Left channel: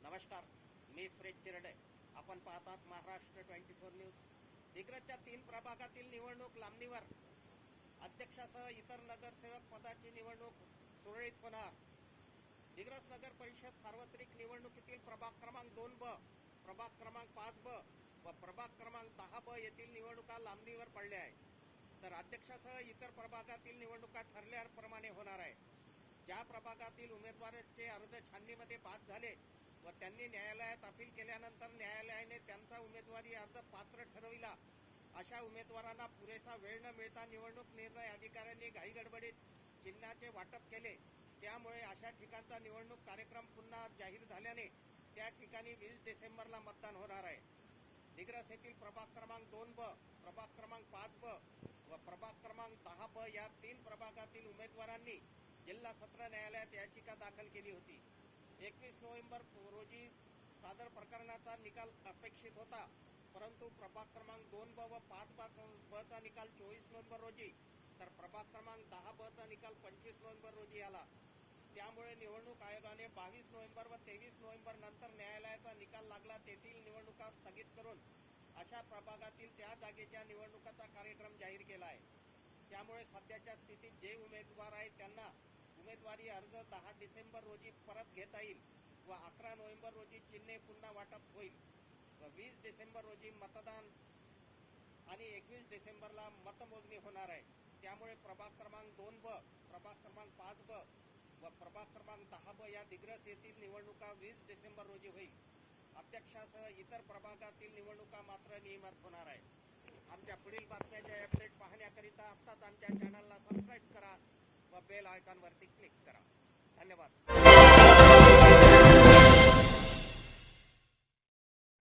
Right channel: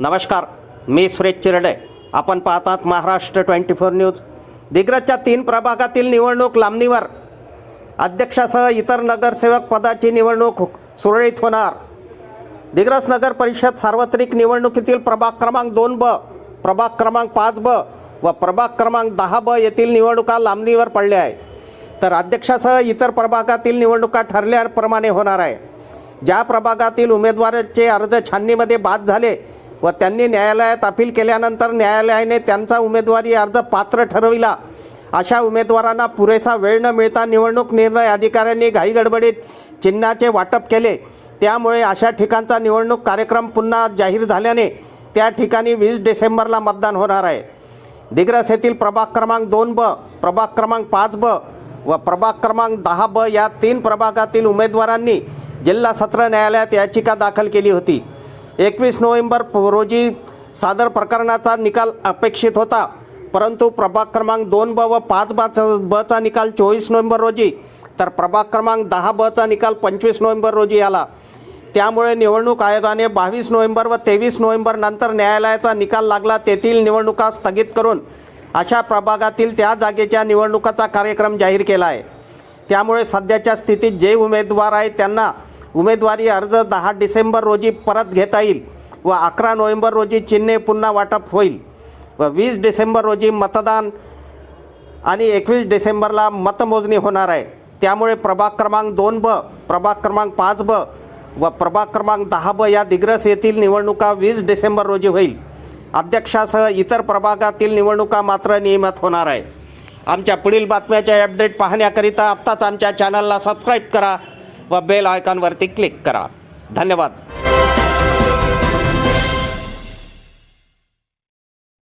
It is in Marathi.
नमस्कार, मी सुरेश चिरडे. आपण पाहतात महाराष्ट्र 24 न्यूज. दिग्रसच्या 3 प्रभागातील निवडणूक लांबणीवर. अध्यक्षासह इतर नगरसेवक पदाची निवडणूक सुरळीत होणार. दिग्रस नगर परिषद सार्वत्रिक निवडणुकीतील प्रभाग क्रमांक 2B, प्रभाग क्रमांक 5B व प्रभाग क्रमांक 10B येथील निवडणुका लांबणीवर पडल्या आहे. तर अध्यक्षासह इतर प्रभागातील निवडणुका ठरल्याप्रमाणे होणार आहे. ज्या प्रभागातील उमेदवारांचे अर्ज छाननीमध्ये बाद झाले व त्यांनी न्यायालयात अपील केल्यानंतर न्यायालयाने त्यांचा उमेदवारी अर्ज पात्र ठरविला, अशा उमेदवारांना पुरेसा वेळ न मिळता निवडणूक निर्णय अधिकाऱ्यांनी घाईगडबडीत चिन्हाचे वाटप केले. त्यामुळे अशा ठिकाणचा निवडणूक कार्यक्रम पुन्हा जाहीर झाल्याने त्या ठिकाणी 20 डिसेंबरला मतदान होणार आहे. दिग्रस येथील प्रभाग क्रमांक 2B, प्रभाग क्रमांक 5B व प्रभाग क्रमांक 10B या 3 प्रभागातील उमेदवारांनी जिल्हा सत्र न्यायालयात याचिका दाखल केली होती. 21 नोव्हेंबर रोजी सादर प्रकरणाचा निकाल अपेक्षित होता, परंतु प्रभाग क्रमांक 2B व 5Bचा निकाल 24 नोव्हेंबर रोजी तर प्रभाग क्रमांक 10Bचा निकाल 25 नोव्हेंबर रोजी आला. त्यामुळे निवडणूक आयोगाने 22 नोव्हेंबर व 23 नोव्हेंबर नंतर न्यायालयाचा निकाल लागला तेथील निवडणुका स्थगित करून अशा प्रभागातील त्या जागेच्या निवडणुकाचा कार्यक्रम जाहीर केला आहे. त्यामुळे सध्याच्या स्थितीत जे उमेदवार आहेत त्यांना उमेदवारी अर्ज 10 डिसेंबर रोजी परत घेता येईल व 11 नोव्हेंबर रोजी चिन्हे पुन्हा वाटप होईल व 20 डिसेंबर रोजी मतदान आणि 21 डिसेंबरला मतमोजणी होणार आहे. त्यामुळे प्रभाग क्रमांक 2B, प्रभाग क्रमांक 5B व प्रभाग क्रमांक 10B या दिग्रस येथील निवडणुका 20 डिसेंबर रोजी होईल. अध्यक्षासह इतर प्रभागातील निवडणुका मात्र नियमित होणार आहे. आमच्या पुढील बातम्याचे अपडेट पाहण्याकरिता आत्ताच आमच्या चॅनलला सबस्क्राईब करा व बेल आयकॉनवरती क्लिक करा. धन्यवाद.